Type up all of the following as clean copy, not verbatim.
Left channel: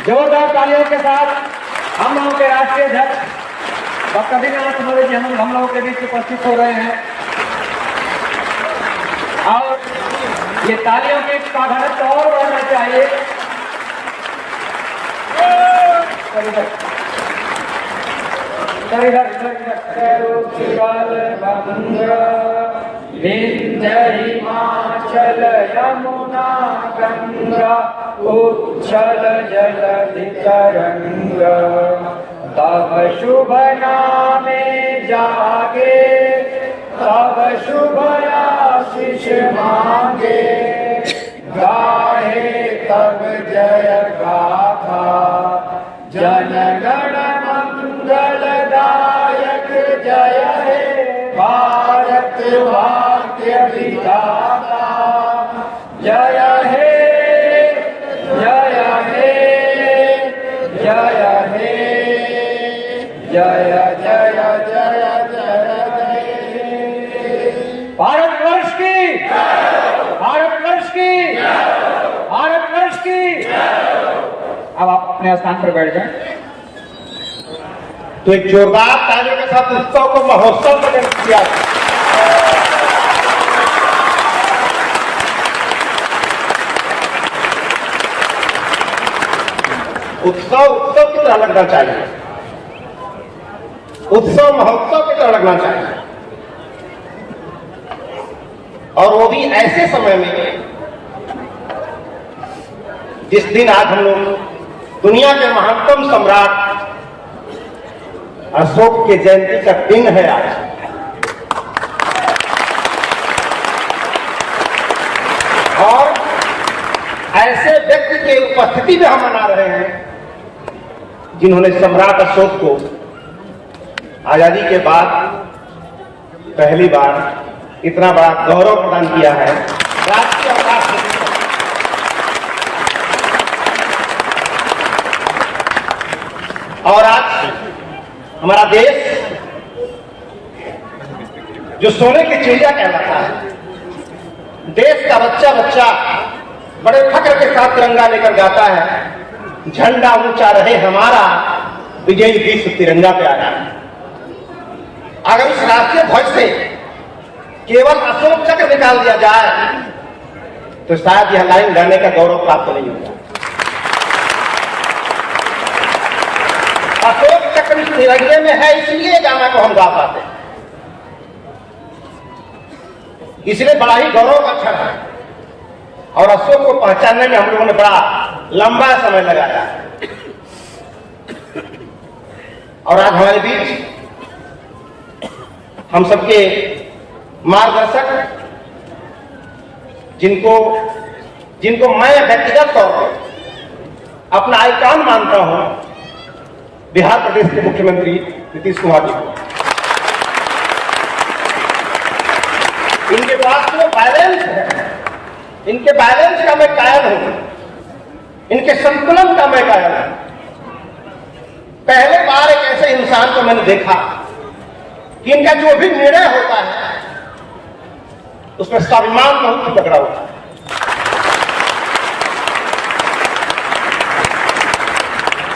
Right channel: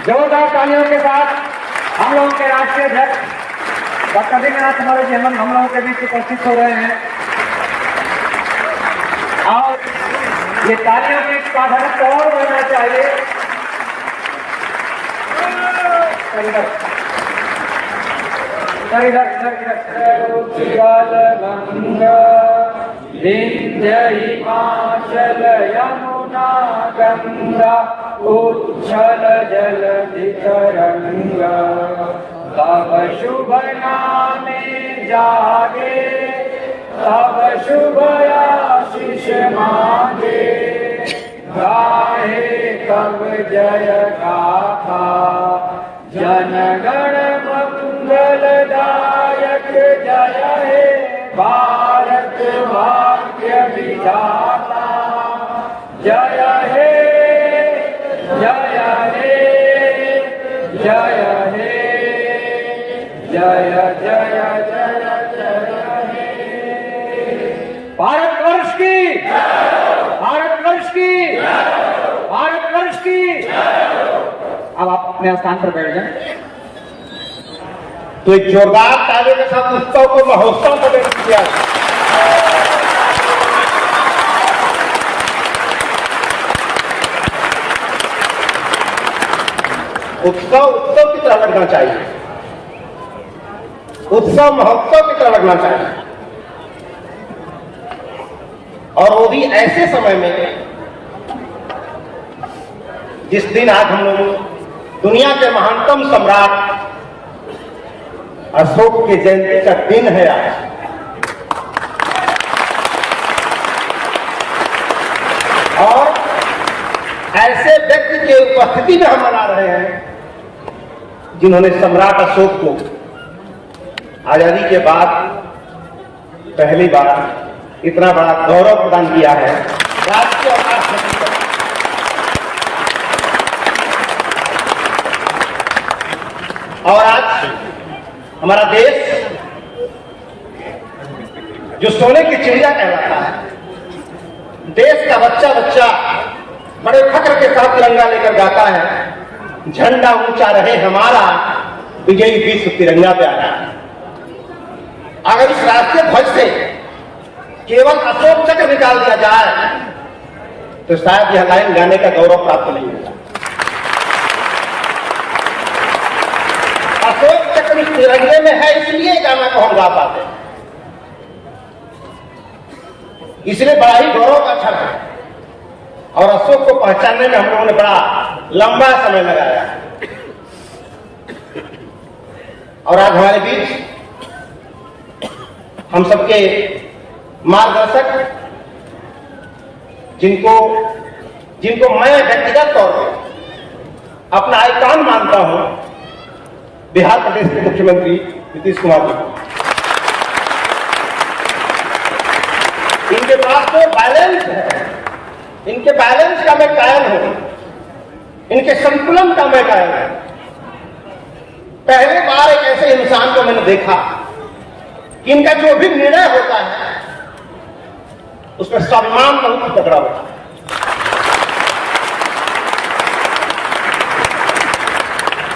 जोरदार तालियों के साथ हम लोगों के राष्ट्रीय अध्यक्ष डॉक्टर दिनानाथ मनोज जी हम लोगों के बीच उपस्थित हो रहे हैं और ये तालियों की तादाद तो और बढ़ना चाहिए। विंध्य हिमाचल यमुना गंगा उच्छल जलधि तरंग तब शुभ नामे जागे तब शुभ आशीष मांगे गाहे तब जय गाथा जनगण मंगलदायक जय हे भारत भाग्य विधाता जय हे जय हे जय हे जय जय जय जय हे भारतवर्ष की भारतवर्ष की भारतवर्ष की। अब आप अपने स्थान पर बैठ जाएं। तो एक जोरदार ताली के साथ उत्सव को महोत्सव में व्यक्त किया। उत्सव की तरह लगना चाहिए, उत्सव महोत्सव की तरह लगना चाहिए, और वो भी ऐसे समय में जिस दिन आज हम लोग दुनिया के महानतम सम्राट अशोक के जयंती का दिन है आज। और ऐसे व्यक्ति के उपस्थिति में हम मना रहे हैं जिन्होंने सम्राट अशोक को आजादी के बाद पहली बार इतना बड़ा गौरव प्रदान किया है। राष्ट्रीय और आज हमारा देश जो सोने की चिड़िया कहलाता है, देश का बच्चा बच्चा बड़े फक्र के साथ तिरंगा लेकर जाता है। झंडा ऊंचा रहे हमारा, विजयी विश्व तिरंगा पे आना है। अगर इस राष्ट्रीय ध्वज से केवल अशोक चक्र निकाल दिया जाए तो शायद यह लाइन गाने का गौरव प्राप्त नहीं होगा। अशोक चक्र तिरंगे में है, इसलिए गाना को हम गा पाते हैं, इसलिए बड़ा ही गौरव का क्षण है। और अशोक को पहचानने में हम लोगों ने बड़ा लंबा समय लगाया। और आज हमारे बीच हम सबके मार्गदर्शक, जिनको मैं व्यक्तिगत तौर पर अपना आइकॉन मानता हूं, बिहार प्रदेश के मुख्यमंत्री नीतीश कुमार जी को। इनके पास जो बैलेंस है, इनके बैलेंस का मैं कायल हूं, इनके संतुलन का मैं कायल हूं। पहले बार एक ऐसे इंसान को मैंने देखा कि इनका जो भी निर्णय होता है उसमें स्वाभिमान बहुत पकड़ा होता है।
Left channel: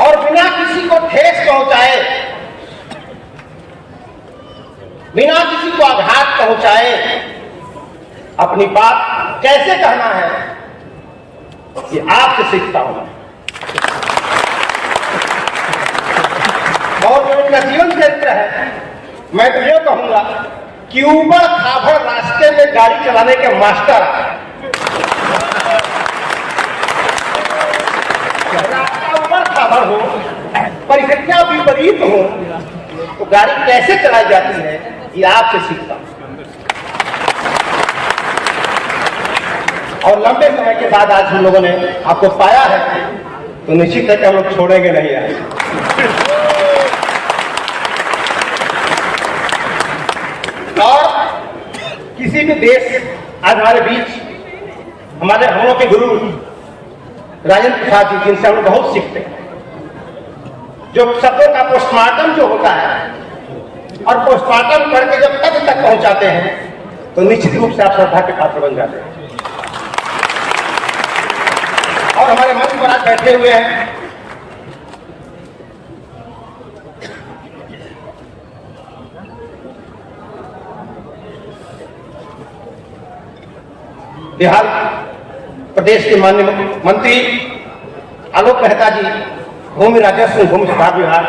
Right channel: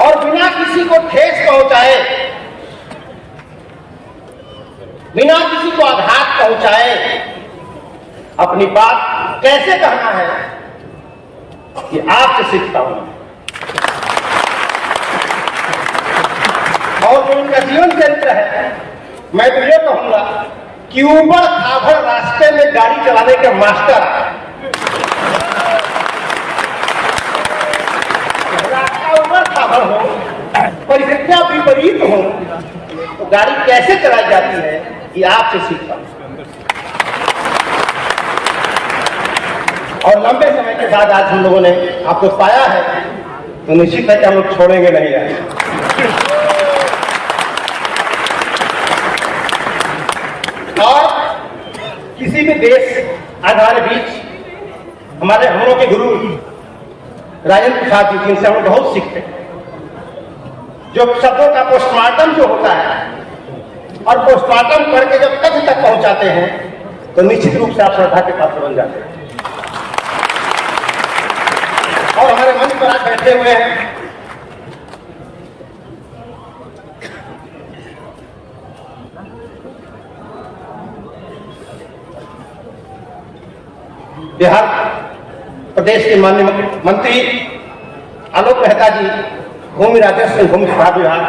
और बिना किसी को ठेस पहुंचाए, बिना किसी को आघात पहुंचाए अपनी बात कैसे करना है, ये आपसे सीखता हूं। और जो इनका जीवन चरित्र है, मैं तो ये कहूंगा कि ऊबड़ खाबड़ रास्ते में गाड़ी चलाने के मास्टर, रास्ता ऊबड़ खाबड़ हो, परिस्थितियां विपरीत हो, तो गाड़ी कैसे चलाई जाती है, ये आपसे सीखता हूं। और लंबे समय के बाद आज हम लोगों ने आपको पाया है, तो निश्चित है कि हम लोग छोड़ेंगे नहीं है। और किसी भी देश आज हमारे बीच हम लोग के गुरु राजेंद्र प्रसाद जी, जिनसे हम लोग बहुत सीखते हैं, जो शब्दों का पोस्टमार्टम जो होता है और पोस्टमार्टम करके जब तक पहुंचाते हैं तो निश्चित रूप से आप श्रद्धा के पात्र बन जाते हैं। और हमारे मंच पर आज बैठे हुए हैं बिहार प्रदेश के माननीय मंत्री आलोक मेहता जी, भूमि राजस्व भूमि सुधार विभाग,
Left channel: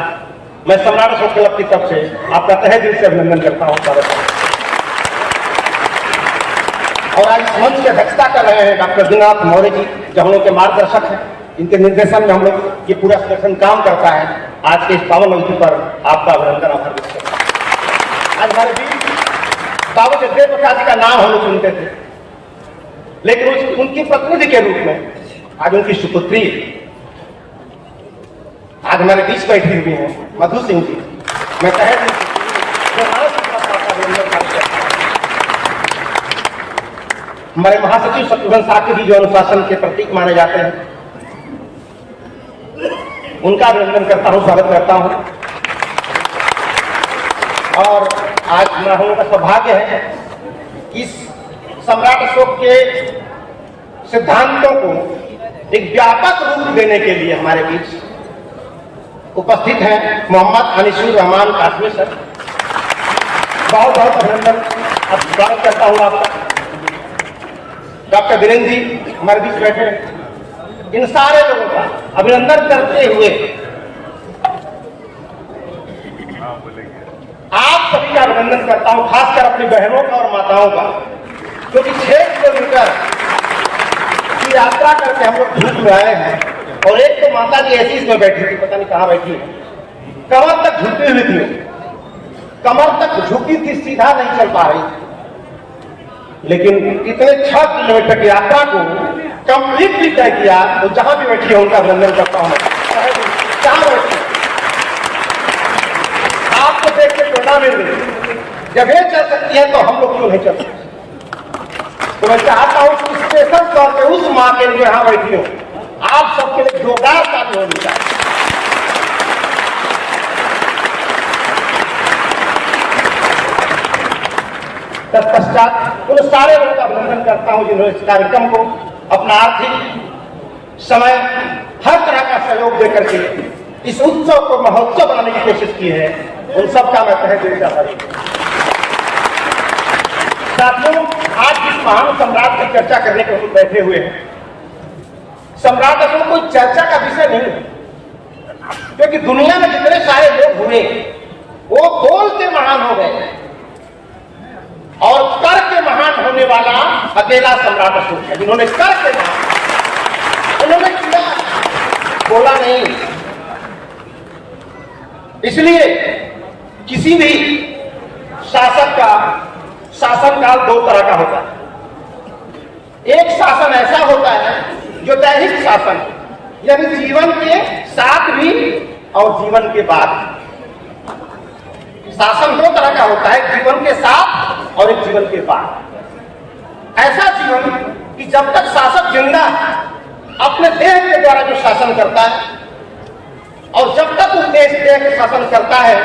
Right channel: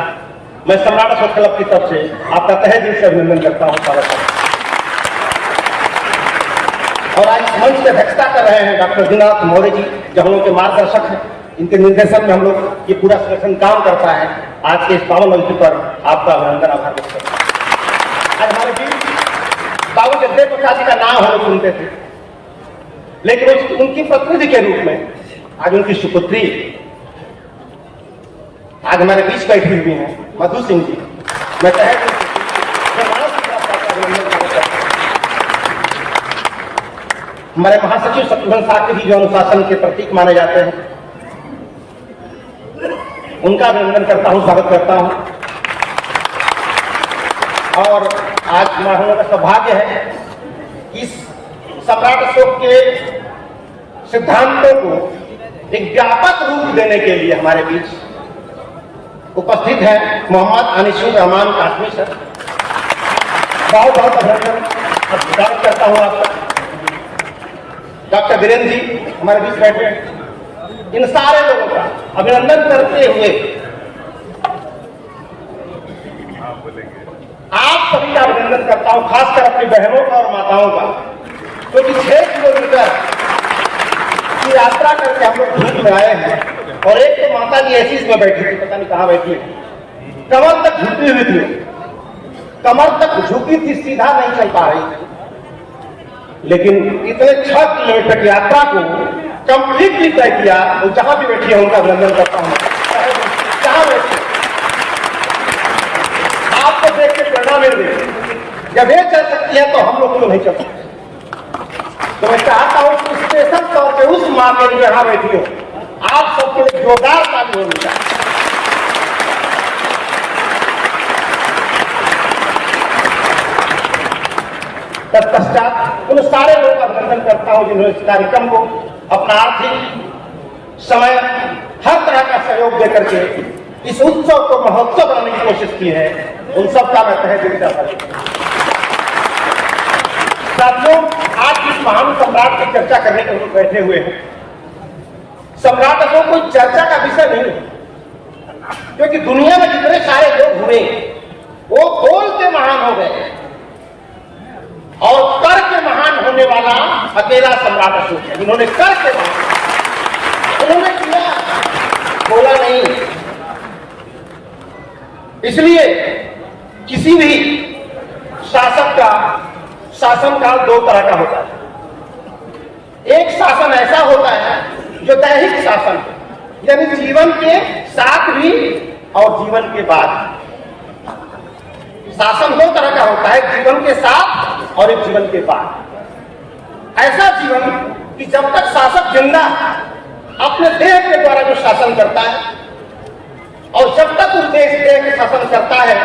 मैं सम्राट अशोक क्लब की तरफ से आपका तहे दिल से अभिनंदन करता हूँ, स्वागत है। और आज इस मंच की अध्यक्षता कर रहे हैं डॉक्टर दीननाथ मौर्य जी, जो हम लोग के मार्गदर्शक हैं। इनके निर्देशन में हम लोग ये पूरा संगठन काम करता है। आज के इस पावन अवसर पर आपका अभिनंदन, आभार व्यक्त करता हूं। आज हमारे बीच बाबू जगदेव प्रसाद जी का नाम हम लोग सुनते थे, लेकिन उनकी प्रतिनिधि के रूप में आज उनकी सुपुत्री आज हमारे बीच बैठी हुई है, मधु सिंह जी। मैं हमारे महासचिव शत्रुघ्न साहब जी, जो अनुशासन के प्रतीक माने जाते हैं, उनका अभिनंदन करता हूं, स्वागत करता हूं। और आज हम लोगों का सौभाग्य है कि इस सम्राट अशोक के सिद्धांतों को एक व्यापक रूप देने के लिए हमारे बीच उपस्थित हैं मोहम्मद अनीसुर रहमान कासमी सर। बहुत बहुत अभिनंदन, स्वागत करता हूं आपका। डॉक्टर वीरेंद्र जी हमारे बीच बैठे हैं। इन सारे लोगों का अभिनंदन करते हुए आप सभी का अभिनंदन करता हूं, खासकर अपनी बहनों का और माताओं का, क्योंकि 6 किलोमीटर की यात्रा करके हम लोग धूप में आए हैं। और एक तो माता जी ऐसी इसमें बैठी थी, पता नहीं कहां बैठी, कमर तक झुकी हुई थी, कमर तक झुकी थी, सीधा नहीं चल पा रही थी। लेकिन इतने 6 किलोमीटर की यात्रा को कंप्लीटली तय किया। और जहां भी बैठी है उनका अभिनंदन करता हूं। कहां बैठी, आपको देख के प्रेरणा मिल रही, जब ये चल सकती है तो हम लोग क्यों नहीं चल सकते। तो मैं चाहता हूं कि स्पेशल तौर पर उस मां के लिए यहां बैठी हो, आप सबके लिए जोरदार ताली होनी चाहिए। तत्पश्चात उन सारे लोगों का अभिनंदन करता हूं जिन्होंने इस कार्यक्रम को अपना आर्थिक समय हर तरह का सहयोग देकर के इस उत्सव को महोत्सव बनाने की कोशिश की है। उन सबका मैं तहे दिल से आभार व्यक्त करता हूं। साथियों, आज इस महान सम्राट की चर्चा करने के लिए बैठे हुए हैं। सम्राट अशोक कोई चर्चा का विषय नहीं, क्योंकि दुनिया में जितने सारे लोग हुए वो बोल के महान हो गए और कर के महान होने वाला अकेला सम्राट अशोक है, जिन्होंने कर के महान, उन्होंने किया, बोला नहीं। इसलिए किसी भी शासक का शासनकाल 2 तरह का होता है। एक शासन ऐसा होता है जो दैहिक शासन है, यानी जीवन के साथ भी और जीवन के बाद। शासन 2 तरह का होता है, जीवन के साथ और एक जीवन के बाद। ऐसा जीवन कि जब तक शासक जिंदा अपने देह के द्वारा जो शासन करता है, और जब तक उस देश के शासन करता है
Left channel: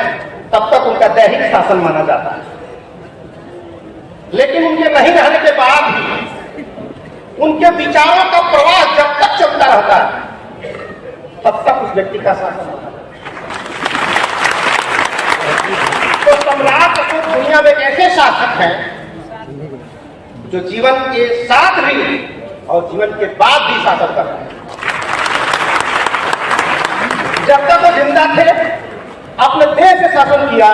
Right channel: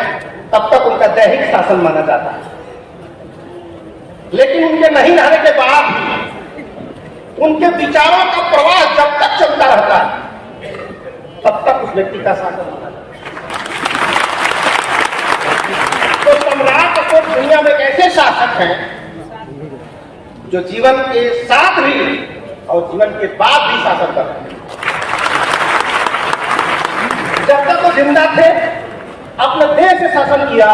तब तक उनका दैहिक शासन माना जाता है। लेकिन उनके नहीं रहने के बाद भी उनके विचारों का प्रवाह जब तक चलता रहता है तब तक उस व्यक्ति का शासन होता है। तो सम्राट अशोक दुनिया में ऐसे शासक हैं जो जीवन के साथ भी और जीवन के बाद भी शासन कर रहे हैं। जब तक वो जिंदा थे अपने देश से शासन किया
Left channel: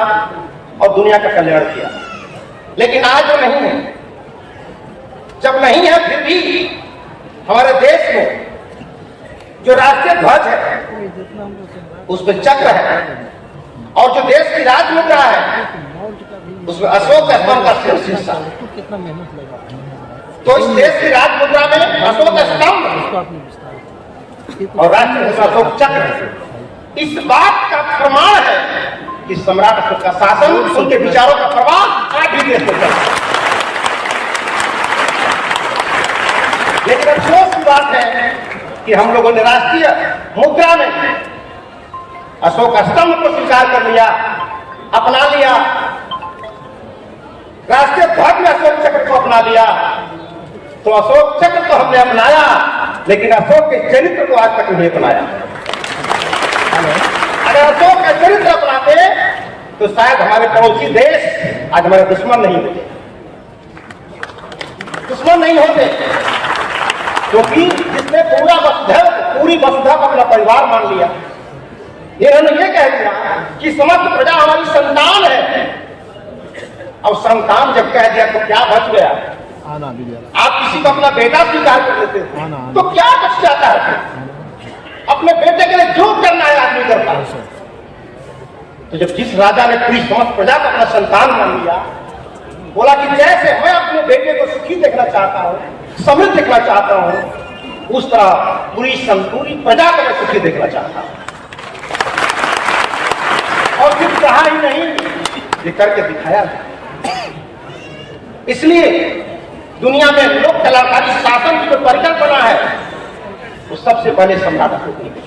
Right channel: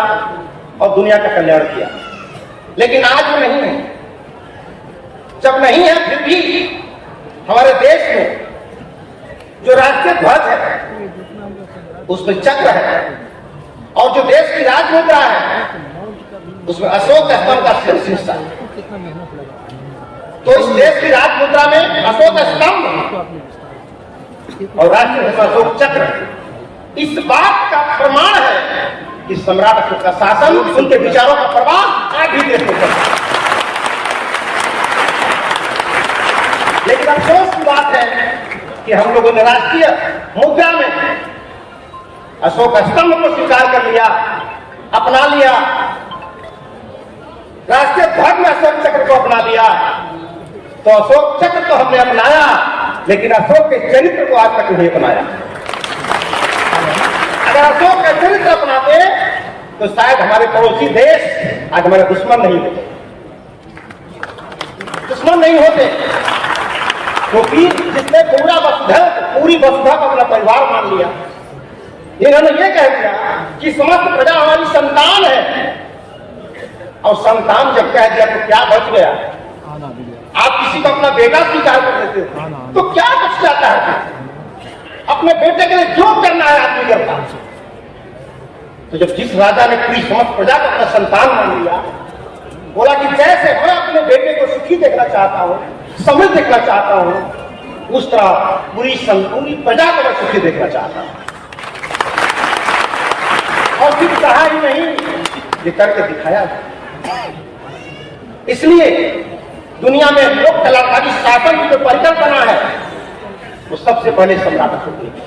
और दुनिया का कल्याण किया, लेकिन आज वो नहीं है। जब नहीं है फिर भी हमारे देश में जो राष्ट्रीय ध्वज है उसमें चक्र है, और जो देश की राजमुद्रा है उसमें अशोक स्तंभ का शीर्षक है। तो इस देश की राजमुद्रा में अशोक स्तंभ और राष्ट्रीय अशोक चक्र इस बात का प्रमाण है कि सम्राट अशोक का शासन, उनके विचारों का प्रभाव आज भी देश में। लेकिन अफसोस की बात है कि हम लोगों ने राष्ट्रीय मुद्रा में अशोक स्तंभ को स्वीकार कर लिया, अपना लिया, राष्ट्रीय ध्वज में अशोक चक्र को अपना लिया। तो अशोक चक्र तो हमने अपनाया, लेकिन अशोक के चरित्र को आज तक नहीं अपनाया। अगर अशोक का चरित्र अपनाते तो शायद हमारे पड़ोसी देश आज हमारे दुश्मन नहीं होते। क्योंकि जिसने पूरी वसुधा को अपना परिवार मान लिया, इन्होंने ये कह दिया कि समस्त प्रजा हमारी संतान है, और संतान जब कह दिया तो क्या बच गया? आप किसी को अपना बेटा स्वीकार कर लेते हो तो क्या बच जाता है? अपने बेटे के लिए जो करना है आदमी करता है। तो जब जिस राजा ने पूरी समस्त प्रजा को अपना संतान मान लिया, बोला कि जैसे मैं अपने बेटे को सुखी देखना चाहता हूं, समृद्ध देखना चाहता हूं, उस तरह पूरी प्रजा को मैं सुखी देखना चाहता हूं। और फिर कहा ही नहीं, ये करके दिखाया। इसलिए दुनिया में लोक कलाकारी शासन की जो परिकल्पना है वो सबसे पहले सम्राट अशोक ने की।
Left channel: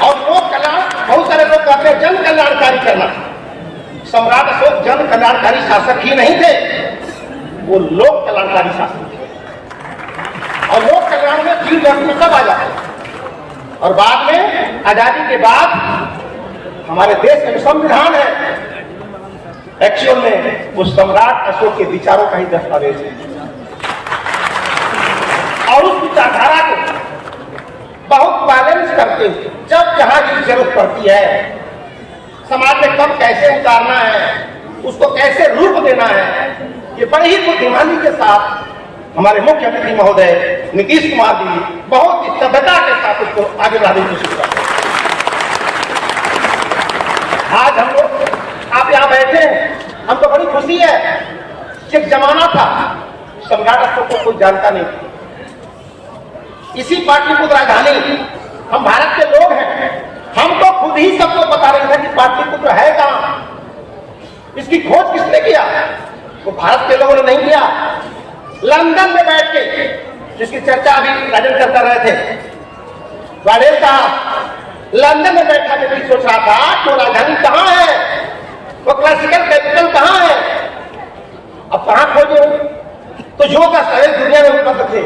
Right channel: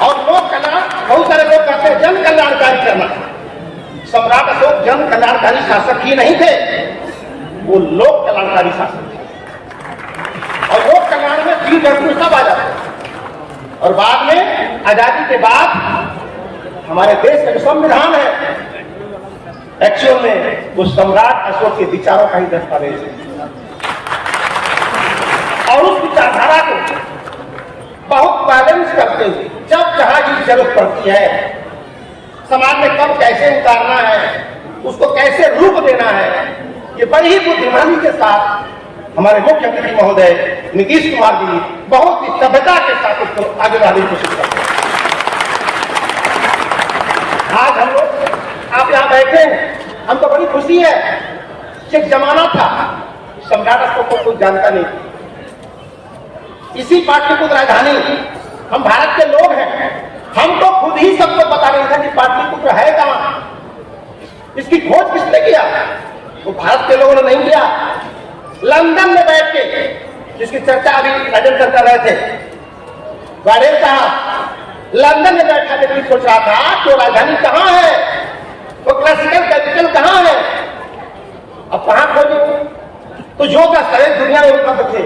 और लोक कल्याण, बहुत सारे लोग कहते हैं जन कल्याणकारी करना। सम्राट अशोक जन कल्याणकारी शासक ही नहीं थे, वो लोक कल्याणकारी शासक थे। और लोक कल्याण में जीव जंतु सब आ जाते हैं। और बाद में आजादी के बाद हमारे देश का संविधान है, एक्चुअल में वो सम्राट अशोक के विचारों का ही दस्तावेज है। और उस विचारधारा को बहुत बैलेंस करते हुए जब जहां की जरूरत पड़ती है, समाज में कब कैसे उतारना है, उसको कैसे रूप देना है, ये बड़ी ही बुद्धिमानी के साथ हमारे मुख्यमंत्री महोदय नीतीश कुमार जी बहुत ही सभ्यता के साथ उसको आगे बढ़ाने की कोशिश करते हैं। आज हम लोग आप यहाँ बैठे हैं, हमको बड़ी खुशी है कि एक जमाना था सम्राट अशोक को कोई जानता नहीं। इसी पाटलिपुत्र राजधानी, हम भारत के लोग हैं, हम तो खुद ही सबको बता रहे थे कि पाटलिपुत्र है कहां, इसकी खोज किसने किया? वो भारत के लोगों ने नहीं किया। लंदन में बैठ के, जिसकी चर्चा अभी राजन सर कर रहे थे, वाडेल साहब लंदन में बैठा व्यक्ति सोच रहा था कि राजधानी कहां है, वो क्लासिकल कैपिटल कहां है, अब कहां खोजो? तो जो का शहर दुनिया में उपलब्ध थे,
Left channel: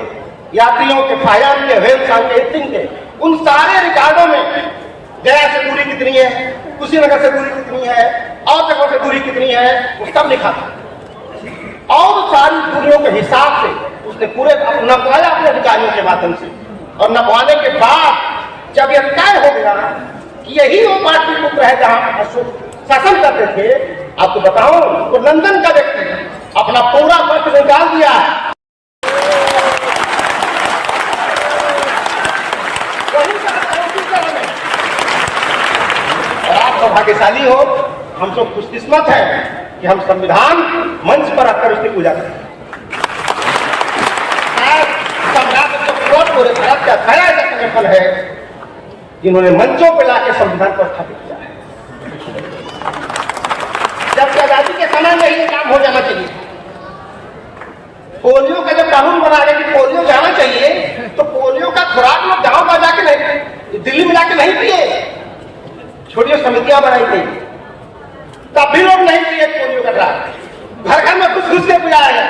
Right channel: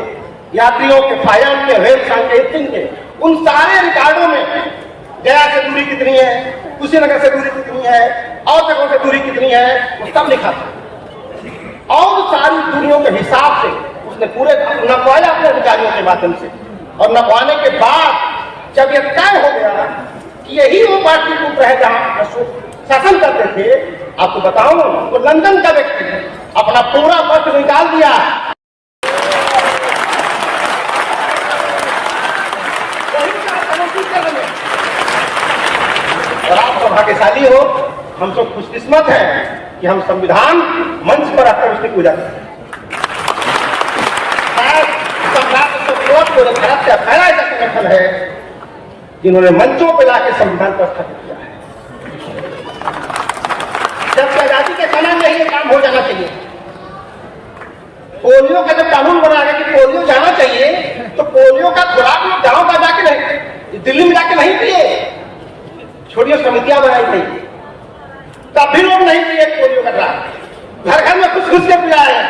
यात्रियों के फायम के वेल सांकेतिंग के, उन सारे रिकॉर्डों में गया से दूरी कितनी है, कुशीनगर से दूरी कितनी है, और जगहों से दूरी कितनी है, वो सब लिखा था। और सारी दूरियों के हिसाब से उसने पूरे नपवाया अपने अधिकारियों के माध्यम से। और नपवाने के बाद जब यह तय हो गया कि यही वो पाटलिपुत्र है जहां अशोक शासन करते थे, आपको बताऊं तो लंदन का व्यक्ति अपना पूरा मत निकाल दिया है। और आप सौभाग्यशाली हो, हम सब खुशकिस्मत हैं कि हम संविधान मंच पर आकर उसकी पूजा करें। भारत का पहला संगठन है जिन्होंने मंचों पर लाकर संविधान को स्थापित किया है। जबकि आजादी के समय में ही ये काम हो जाना चाहिए। पोलियो का जब कानून बना रहे कि पोलियो जाना चाहिए, तो पोलियो का खुराक लोग गांव का जाके नहीं, दिल्ली में जाके नहीं पिए, छोटी समितियां बनाई गई, तब भी लोग नहीं पिए पोलियो का ड्राप। घर घर में कुछ घुस के पिया है,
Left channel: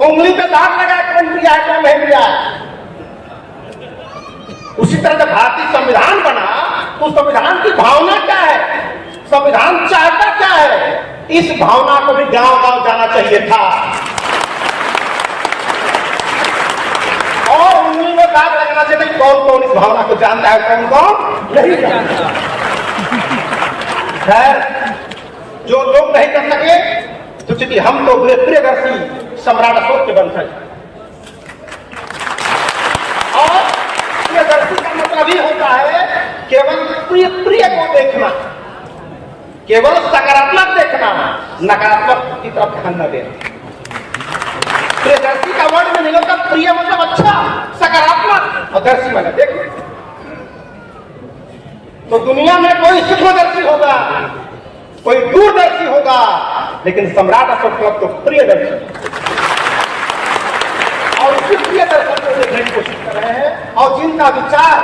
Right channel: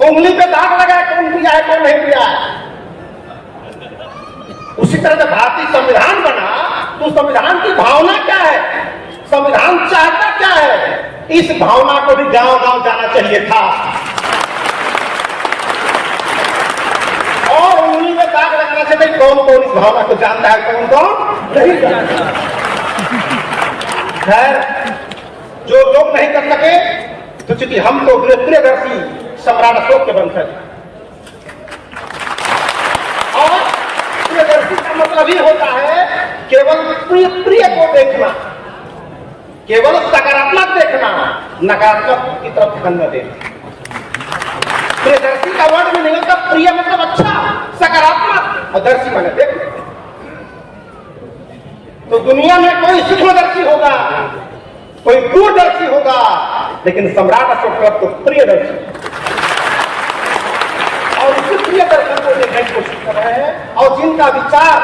उंगली पे दाग लगा है, कौन पिया है कौन नहीं पिया है। उसी तरह से भारतीय संविधान बना तो संविधान की भावना क्या है, संविधान चाहता क्या है, इस भावना को भी गांव गांव जाना चाहिए था। और उंगली में दाग लगना चाहिए, कौन कौन इस भावना को जानता है, कौन कौन नहीं जानता। खैर, जो लोग नहीं कर सके तो चूंकि हम तो प्रियदर्शी सम्राट अशोक के वंशज, और प्रियदर्शी का मतलब ही होता है केवल प्रिय को देखना, केवल सकारात्मक देखना, नकारात्मक की तरफ ध्यान न देना। प्रियदर्शी का वर्ड में निकलता प्रिय मतलब अच्छा, सकारात्मक, और दर्शी मतलब देख। तो दुनिया में कोई सूक्ष्मदर्शी होगा, कोई दूरदर्शी होगा, लेकिन सम्राट अशोक क्लब तो प्रियदर्शी, और उसी प्रिय दर्शन को देखने की कोशिश कर रहे हैं। और जिनका विचार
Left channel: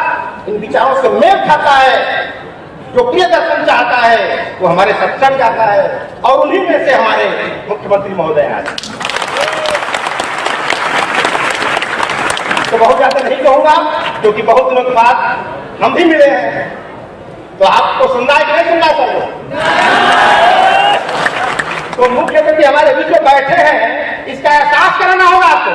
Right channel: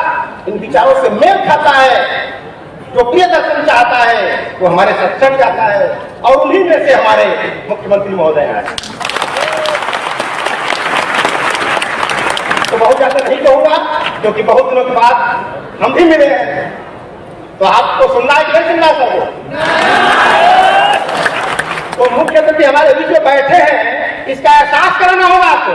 इन विचारों से मेल खाता है, जो प्रिय दर्शन चाहता है, वो हमारे साथ चल जाता है, और उन्हीं में से हमारे मुख्यमंत्री महोदय आए। तो बहुत ज्यादा नहीं कहूंगा, क्योंकि बहुत दिनों के बाद हम भी मिले हैं, तो आपको सुनना है कि नहीं सुनना सबको? तो मुख्यमंत्री हमारे बीच में बैठे हैं, इसका एहसास कराना होगा आपको।